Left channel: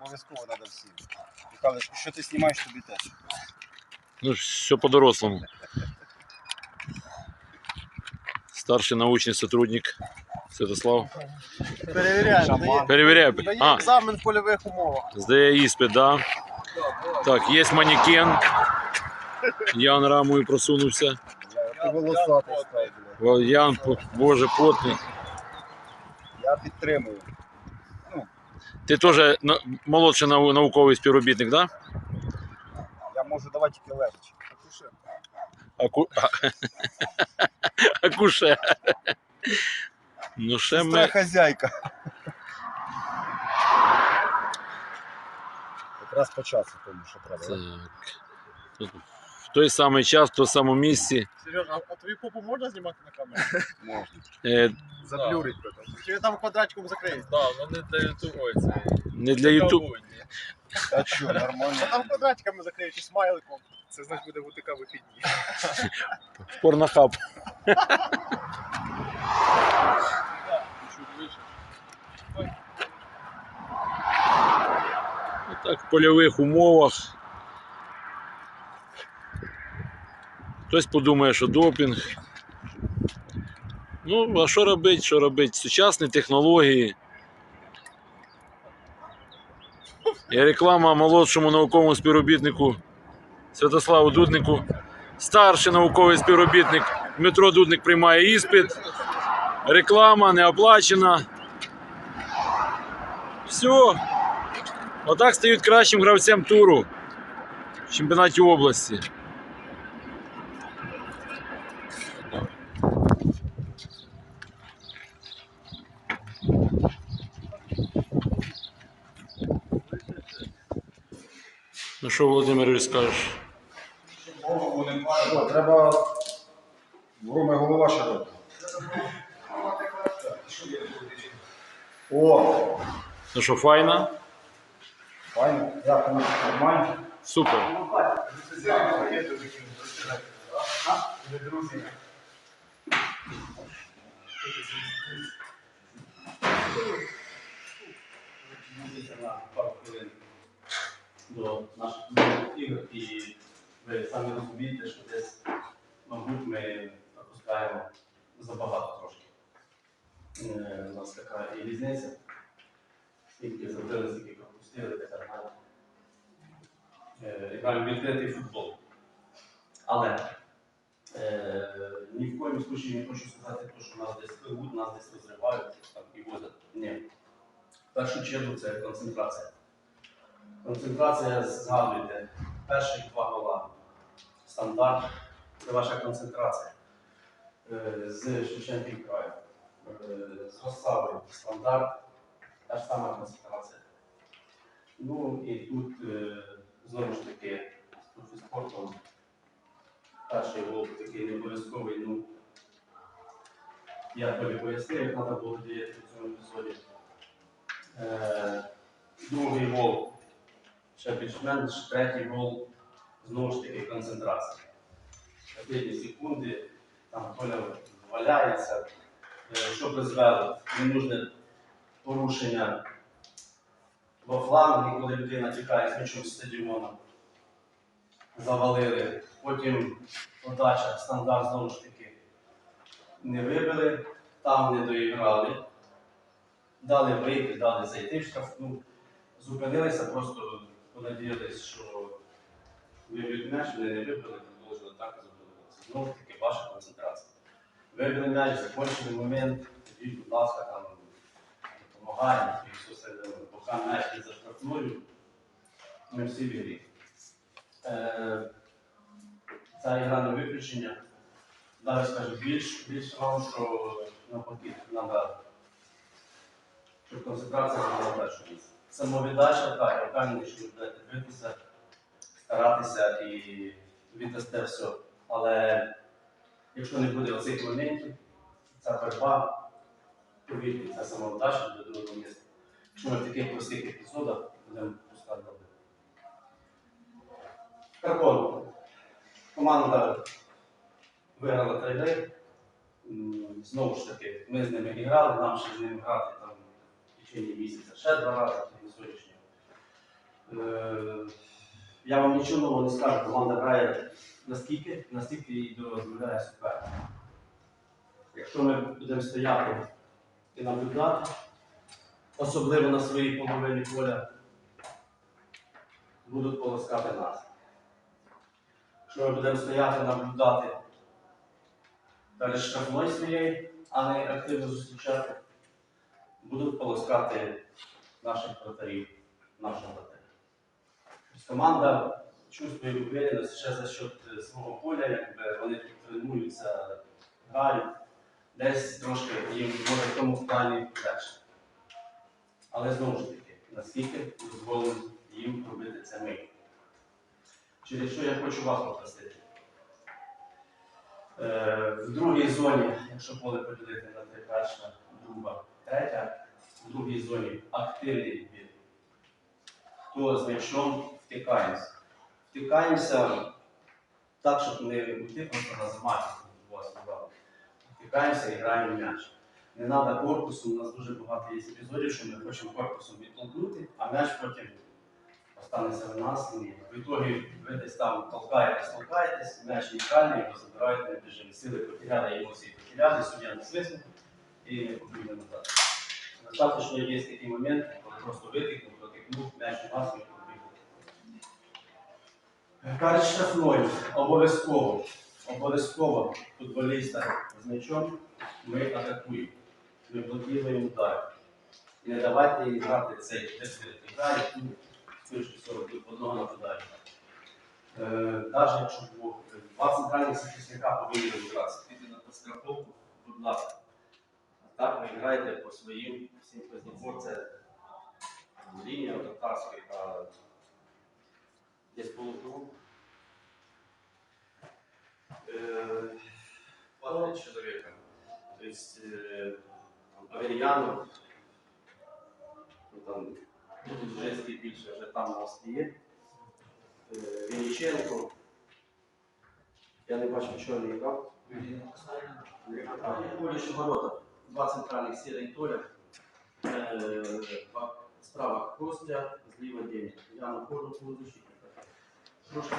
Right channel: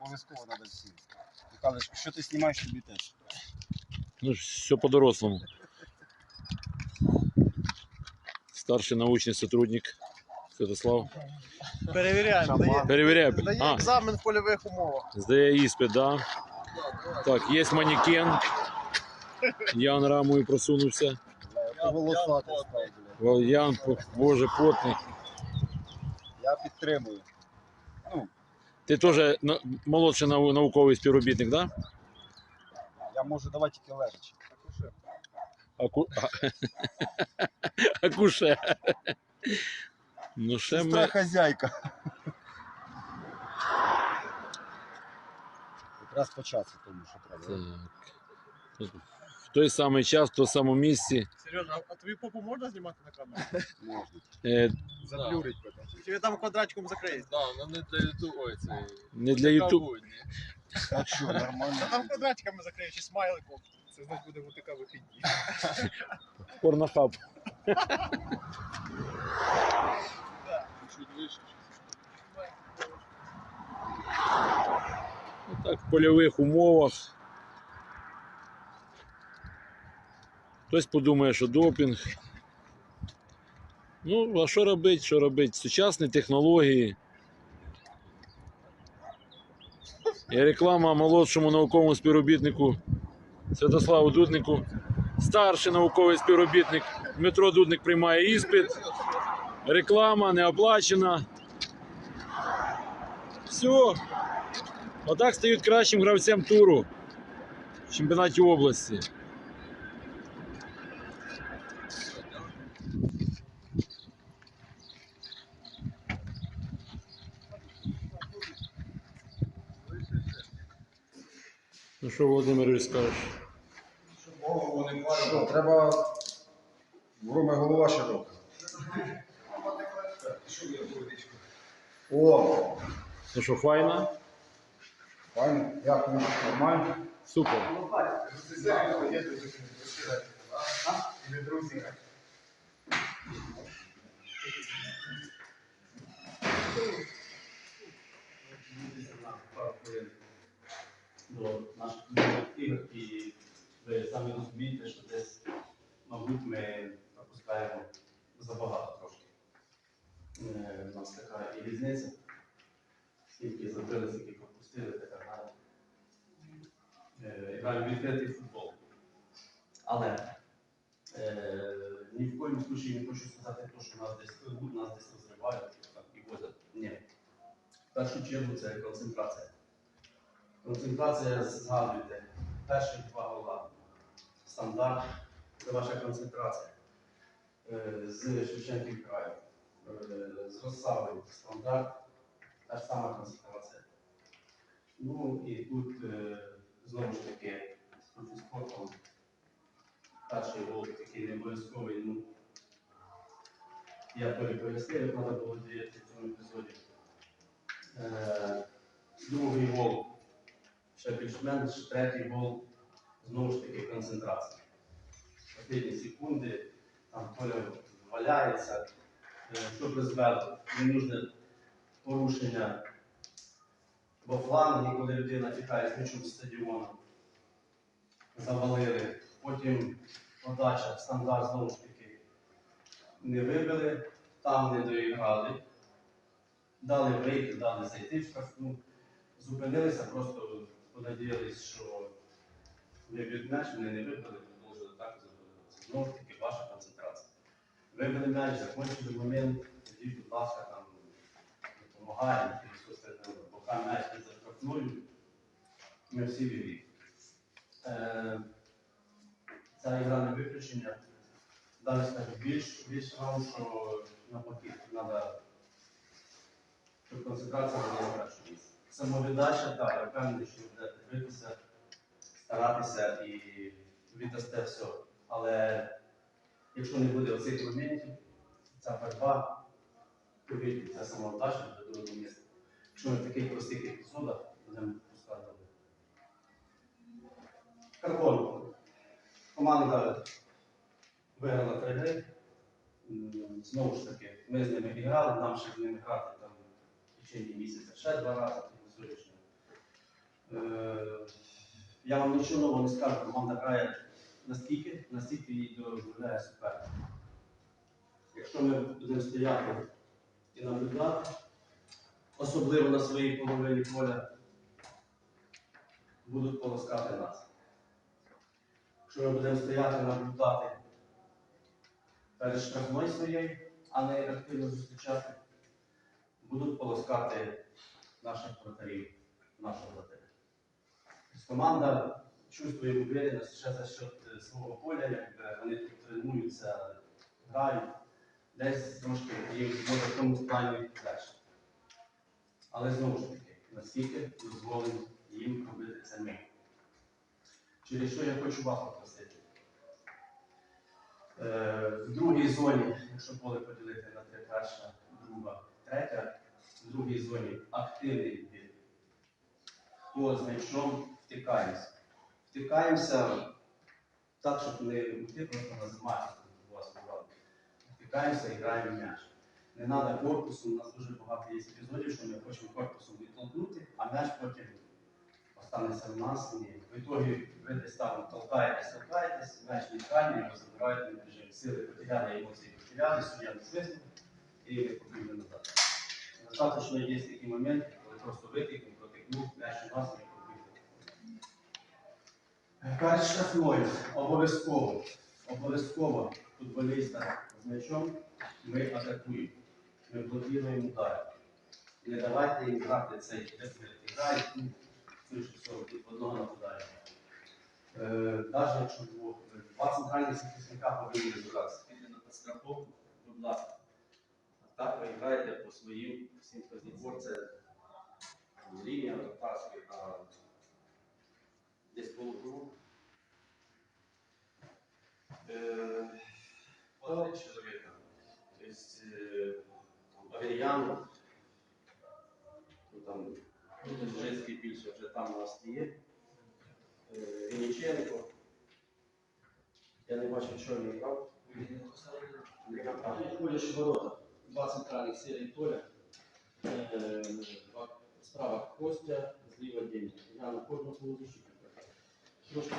Обов'язково треба всім. Михайлович, що ти знімаєш, тобі теж. Ну, все по-дорослому. Старший научный сотрудник Святослав. Перевіряємо. Перевіряє. Дає А, екзамен в польових умовах. здає іспит, да. Так, є манекен. Ян рамою просунувся. Волосатий став, Ян, боже, потний. Я підтримую. Ти теж на- молодший нау- науковий співробітник, так? Да? Я можу давати тільки лежачи. Аку... Акуше. Ну, ще Сестра ми... хазяйка. Якраз по часу тому, що треба. Так. В той самий час, в тому самому місці. Сережа, а твою попу можна знімати на камеру? Можна. Е, Заблюрить потім. Чи ви там квадратиком закриєте? Да, ну не для ютубу, ой, це не для Ютуб. Ютубу. А що, нормально. А там квадратиками закриєш чи смайликом. Це значить буде ВТК вихідні. Порнохаб. Так, в польових умовах. Хтось подумає, що допінг. Ну, а що робити? Що робити? Сучасні технології. І реклама молодшому науковому співробітнику Святославу Дуднику. Старший науковий співробітник Дмитро Дудник приймає іспит. Реклама не оплачена. Все. Отак стають кращим гравцем туру в чемпіонаті області. Ну що, Володимир, скажеш? Голову не Що, треба в руми голова широка. О, Ну що, файна? файно. Дякую, нормально. Супер. пару до наших ігор, і ви самі розумієте, що десь, мабуть, ми пропускаємо забагато трошки. Е, У нас така і різниця, скільки забили, скільки пропустили, так. Е, Граємо відкритий футбол. Але е, ні в коєму случаї не хочу сказати, то, що нас десь пливуть, нас десь розривають і возять. Ні. В першу чергу це концентрація. Концентрація, згадуйте, перші два гола. Стандарт це ваша концентрація. Е, З Шевченків краю. Е, З Росави стандарт, та ж сама концентрація. Ну і тут е, знову ж таки з профіспортом. Перший гол такий не обов'язковий, ну я тобі пояснив, як треба було діяти в цьому епізоді. Другий гол ще більш-менш, третій гол знову ж таки концентрація. Останні секунди, там Толя валяється, Е, що призвело ненужне порушення во флангі, коли людина тікає з м'ячом стадіону. Завалили. Потім подача, стандарт знову ж таки не вибили, там не доіграли дали вийти, дали зайти в штрафну, зупинилися, просто понадіялись, що виб'ють м'яч, вони не вибили, продовжили так і задоволилися. Знову ж таки, ваша концентрація. Вибили м'яч, закончили момент, тоді, будь ласка, там допомагаємо, і все остальне. Поки м'яч не за штрафною, ми всі в ігрі. Е, Ця ігра не виключення. Далі скажу більш, більш вам, що навпаки дали щоб концентрація була на першому місці. Самовіддача, так, я впевнений, що ви будете дивитися, старатися і віддасте все. Але якщо не буде оцих моментів, ця боротьба, повірте, ця самовдача до другого місця. Якщо ми в таких простих епізодах будемо пускати добре. Карпон. Команда виграла три гри. М, Знову ж таки, ми з ними грали, нам ще з ними грати там течение місяця. Ще два рази я вам нічого нового не скажу, команда грає настільки, настільки її дозволяє суперник. Якщо ми будемо стояти і наблюдати, особливо на своїй половині поля, будуть полоскати нас. Якщо ми будемо стояти наблюдати перед штрафною своєю, а не активно зустрічати, будуть полоскати наших вратарів, нашого вратаря. Команда чувствує уверенность ще за счет е, свого поля, якби вони тут тренуються, грають. Десь трошки їм може в тому плані легше. Але знову ж таки, наскільки дозволено їм робити це ми. Через що я хочу вас попросити. Е, в другій зоні, якщо поле поділити на три перша, друга, третя, в другій зоні активний відбір. Хто з м'ячом втикаємося. Втикаємося так, щоб не йти просто на замахи, у вас. Втикаємося і граємо м'яч. Не треба корпусом, у нас дуже багато є епізодів, що ми хочемо корпусом відтолкнути, а м'яч потім останеться в нас. І в ітогі ви десь там толкаєтесь, толкаєтесь, м'яч нейтральний, його забирають, не біжимо. Сили потеряли, емоції потеряли, суддя не свиснув і не побігли назад. Достаточно є такі моменти, коли просто витикнув, протикнув, м'яч у нас і Перед штрафною обов'язково, обов'язково футболіста з м'ячом ми атакуємо. Ми блокуємо удар. Не давайте їм грати цей грає, вийшли 40 одного нападає. Е, Навіть якщо було два центральних захисника повинні розбиратися. Тільки на страховку, будь ласка. А так ви граєте по своїм всім позиціям. Це лінія вратарська, яка десь полукруг. Э, по три человека. Есть э, там, ну, женський більше вже там у нас є. Е, Вінниченко. Я не бачу, чого не грав. Ходиш ворота. Два центральних сіра і Толя. Е, Справа Костя, зліва Денис. Я на кожну полузащитника. Трошки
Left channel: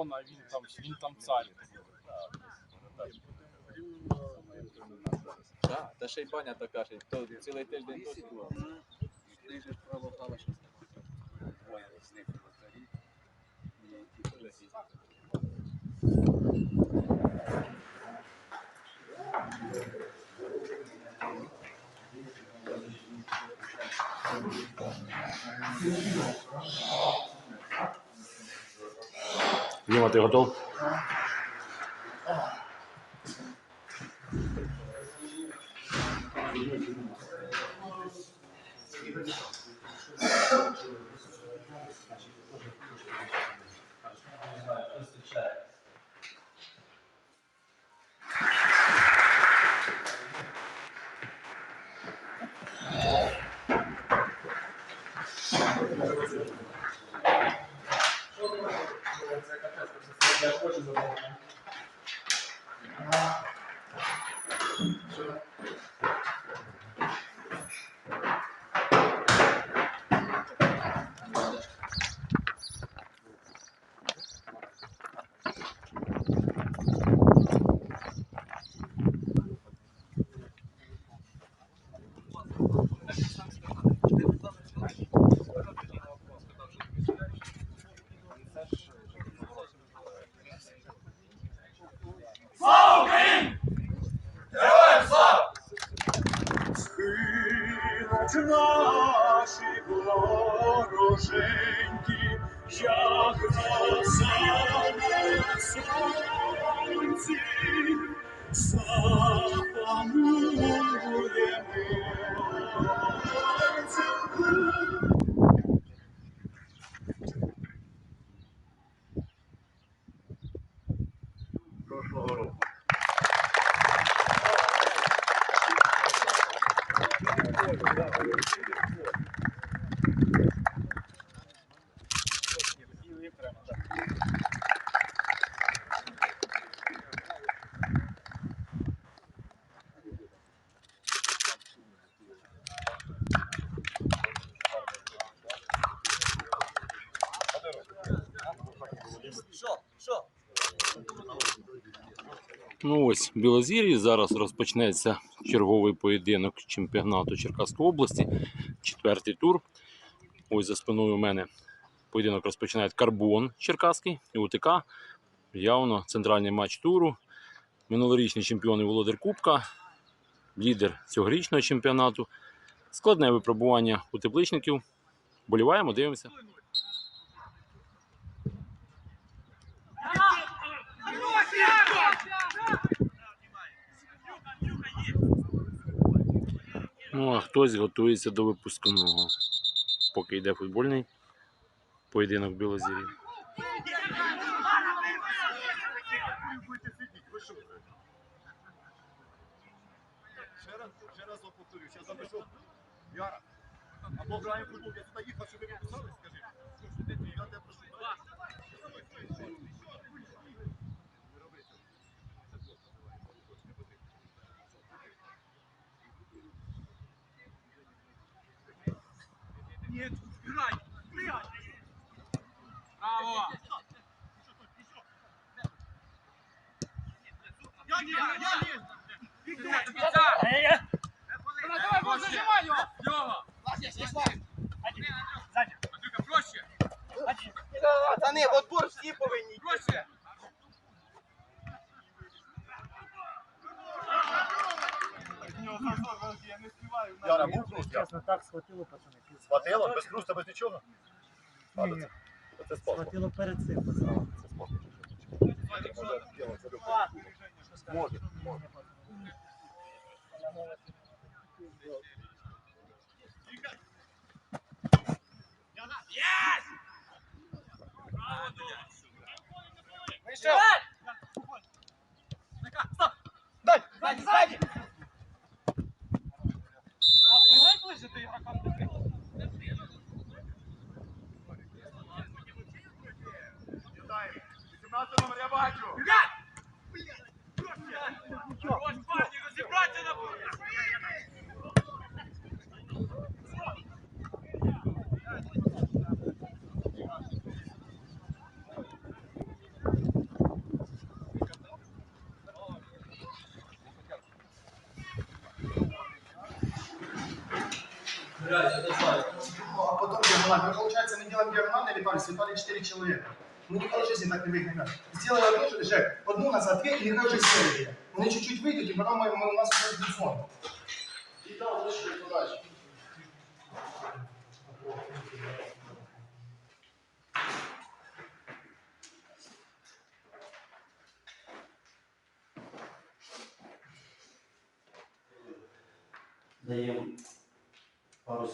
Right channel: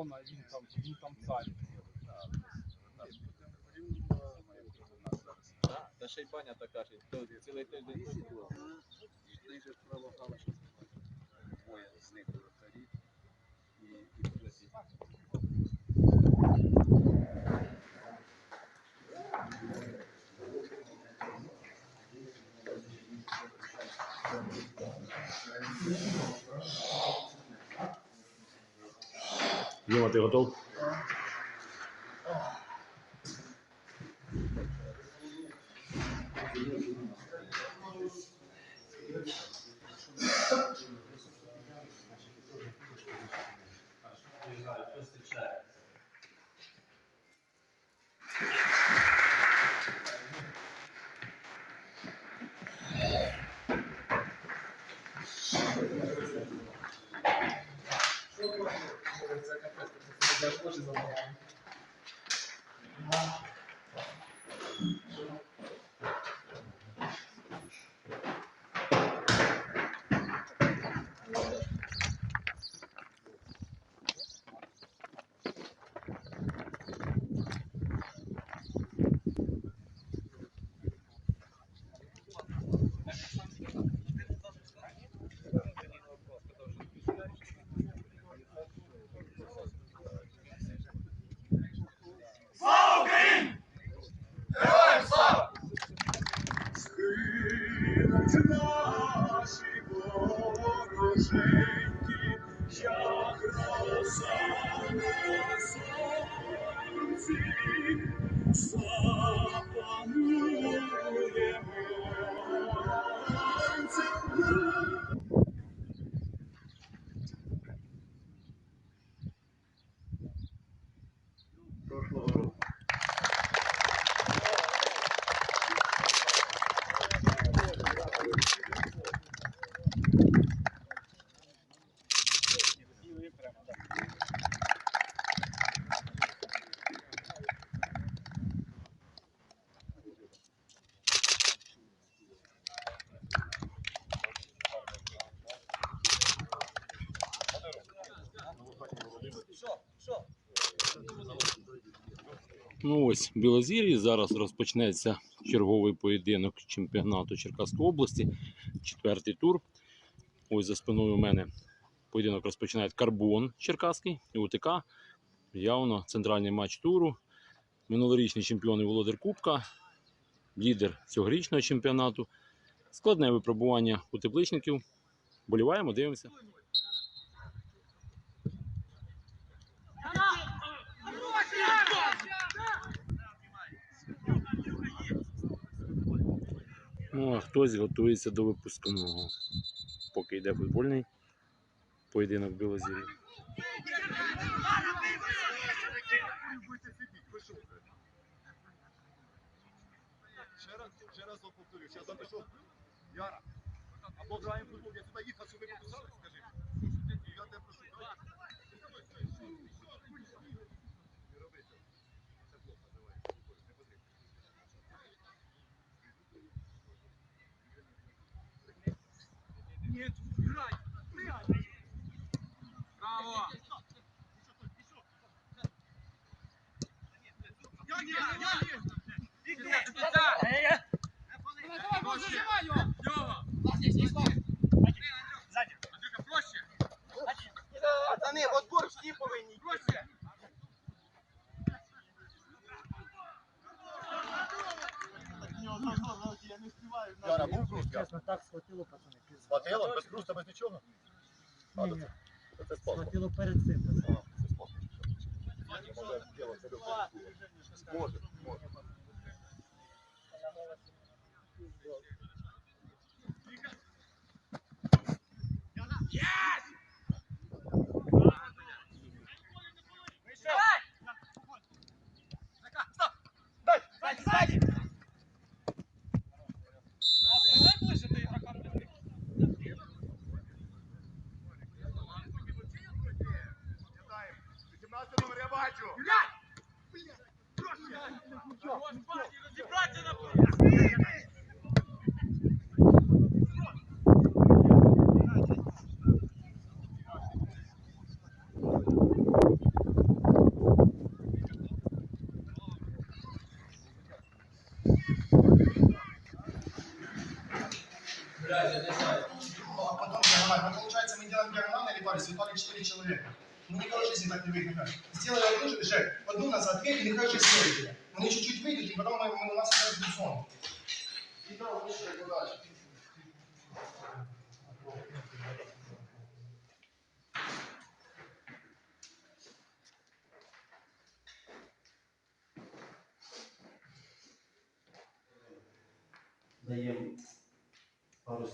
Зона, він там, він там царь. Так, та ще й баня така ж, то цілий тиждень тут була. Діма, ти готов? Yeah, Схилять наші вороженьки, як роса на сонці, запануємо. Ну ось Білозір'ї. Зараз розпочнеться черговий поєдинок чемпіонату Черкаської області. Четвертий тур. Ось за спиною у мене поєдинок розпочинає Карбон Черкаський і УТК. Явно центральний матч туру. Минулорічний чемпіон і володар Кубка, лідер цьогорічного чемпіонату. Складне випробування у тепличників. Боліваємо, дивимося. Ну, а хтось готується до випускного. Поки йде футбольний поєдинок Білозір'ї. Ще раз, ще раз вам повторю, ще запишу. Яра, або граємо футбол, я туди їхав, щоб ви написали, скажи. Я тебе прошу. Пацани, в отбор всі повинні йти. Яра, був хруст? Яра? Чесно, так схватило, пацани. Схватило? Без хруста, без нічого? А, Ні, ні, це- Це спорт. схватило перед цим. пацани. Може, може. А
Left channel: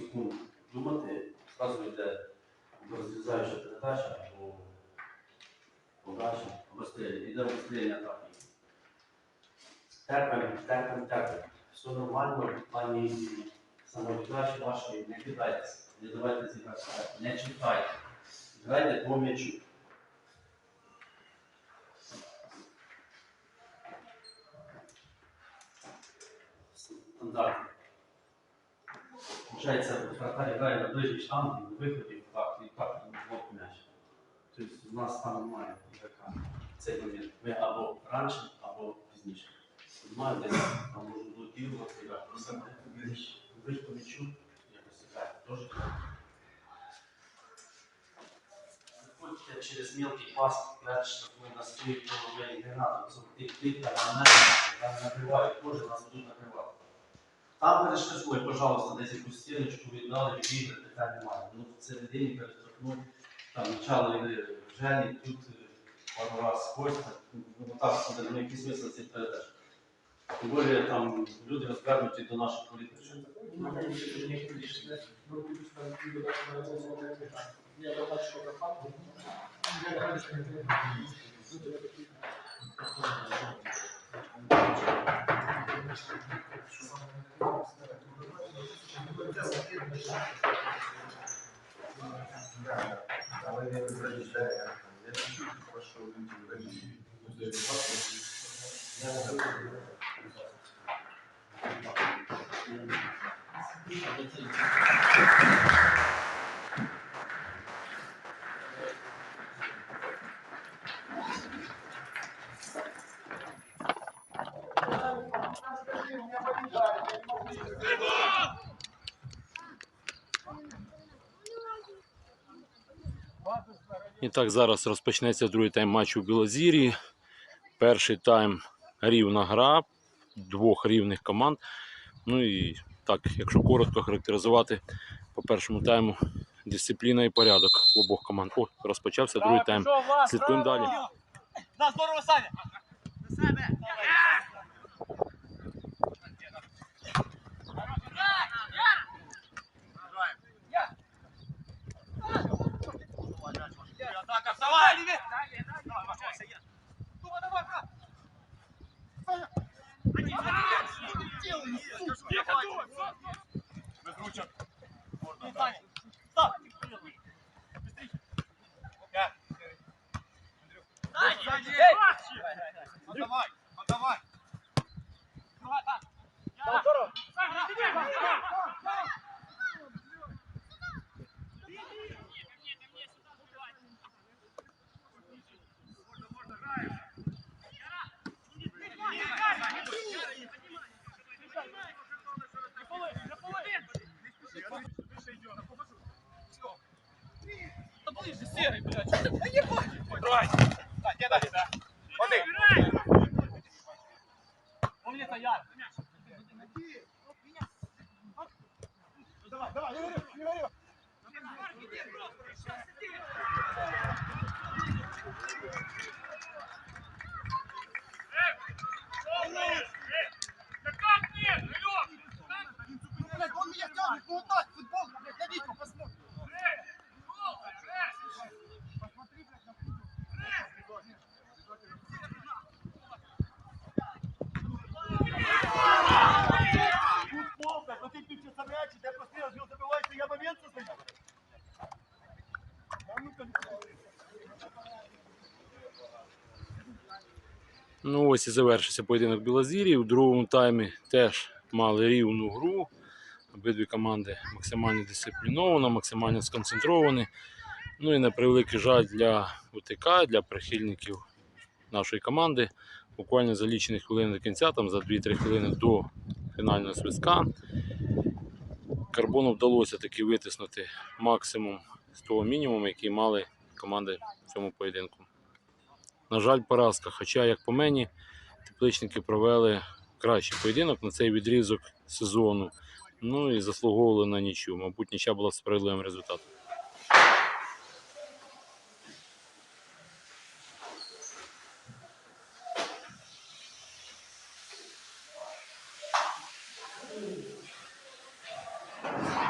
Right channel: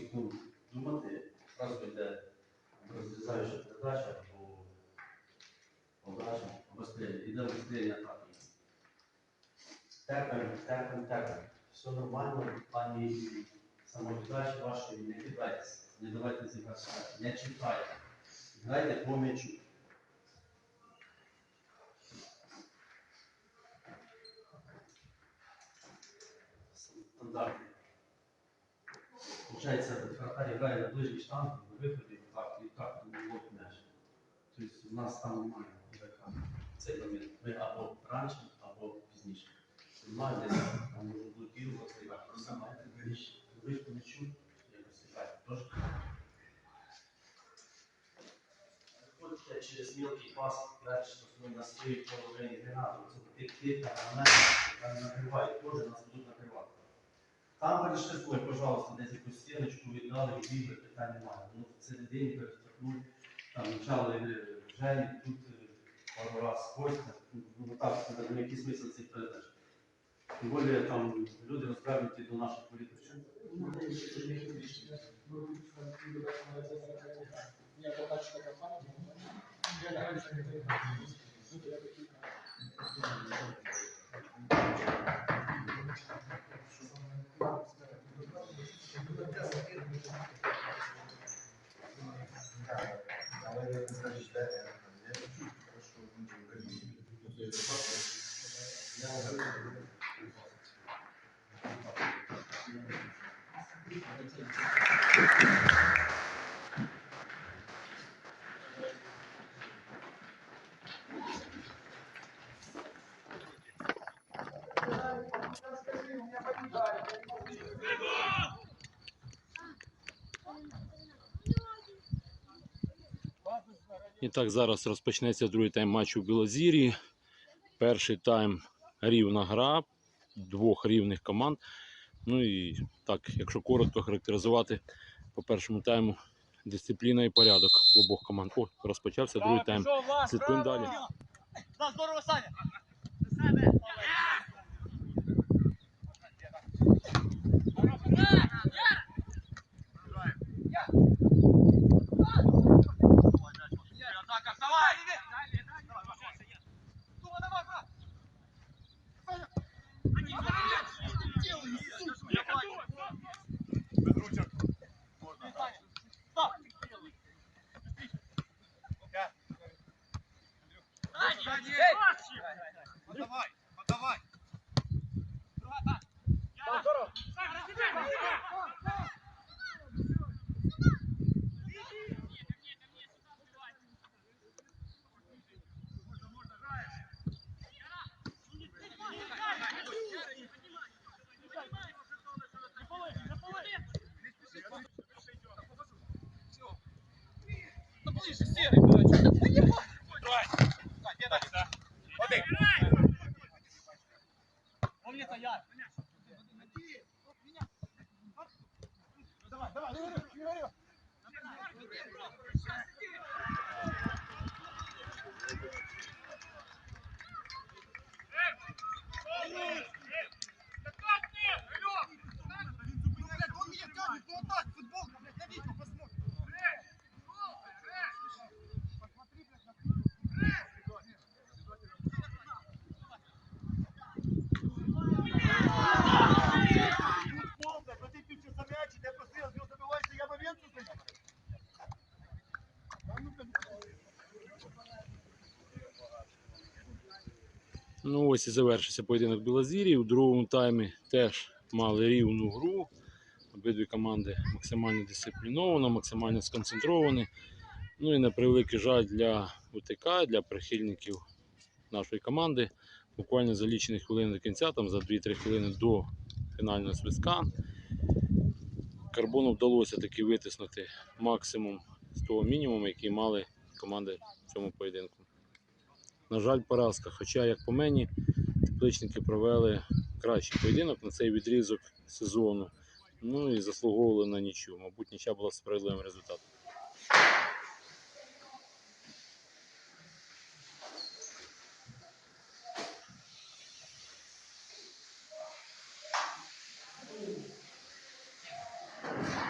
секунд думати, зразу йде розрізаюча передача або подача, або стріляння. Іде розстріляння атаки. Терпимо, терпимо, терпимо. Все нормально в плані самовіддачі вашої. Не кидайтеся, не давайте зіграти, не читайте. Грайте по м'ячу. Стандарт. Получається, вратарь грає на ближній штанг і на виході так, і так лоб м'яч. Тобто у нас там немає ігрока в цей момент. Ми або раніше, або пізніше. Немає десь там можна блокувати, грати. Все має ближче. Ближче по м'ячу, якось грати. Тож Виходьте через мілкий пас, дальше ми на своїй половині не надо. Це тик-тик, там на накривають, теж нас будуть. Там перешкодуй, пожалуйста, десь якусь стіночку віддали, відігри, питань немає. Ну, в середині перештовхнуть, там ігри Жені, тут е, пару раз Костя, ну так, це, ну який смисл цих передач. Тим більше там люди розказують до наших політичних. Але він визначає, я чую, прошу людей. Я не зробив. І так, зараз розпочнеться другий тайм матчу в Білозір'ї. Перший тайм рівна гра двох рівних команд. Ну і так, якщо коротко характеризувати по першому тайму дисципліна і порядок в обох команд. О, розпочався другий тайм. Слідкуємо далі. На здорово, Саня! Атака, Так, ось і завершився поєдинок Білозір'ї. У другому таймі теж мали рівну гру. Обидві команди максимально дисципліновані, максимально сконцентровані. Ну і на превеликий жаль для УТК, для прихильників нашої команди. Буквально за лічені хвилини до кінця, там за 2-3 хвилини до фінального свистка. Карбону вдалося таки витиснути максимум з того мінімуму, який мали команди в цьому поєдинку. На жаль, поразка. Хоча, як по мені, тепличники провели кращий поєдинок на цей відрізок сезону. Ну і заслуговували на нічю. Мабуть, нічя була справедливим результатом.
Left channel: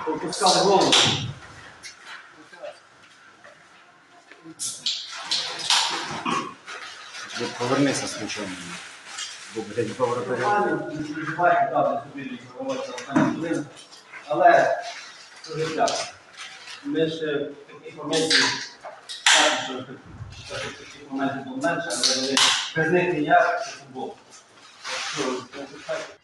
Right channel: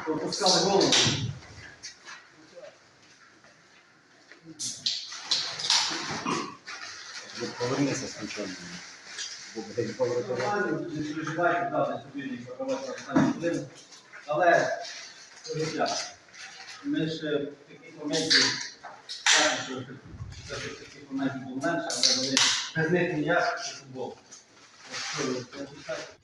Пропускали голову. Повернися по воротарю. Не переживайте, правда, собі не проводиться останні хвилини. Але це життя. Ми ж таких моментів, що таких моментів було менше, але вони без них ніяк футбол. Так що, не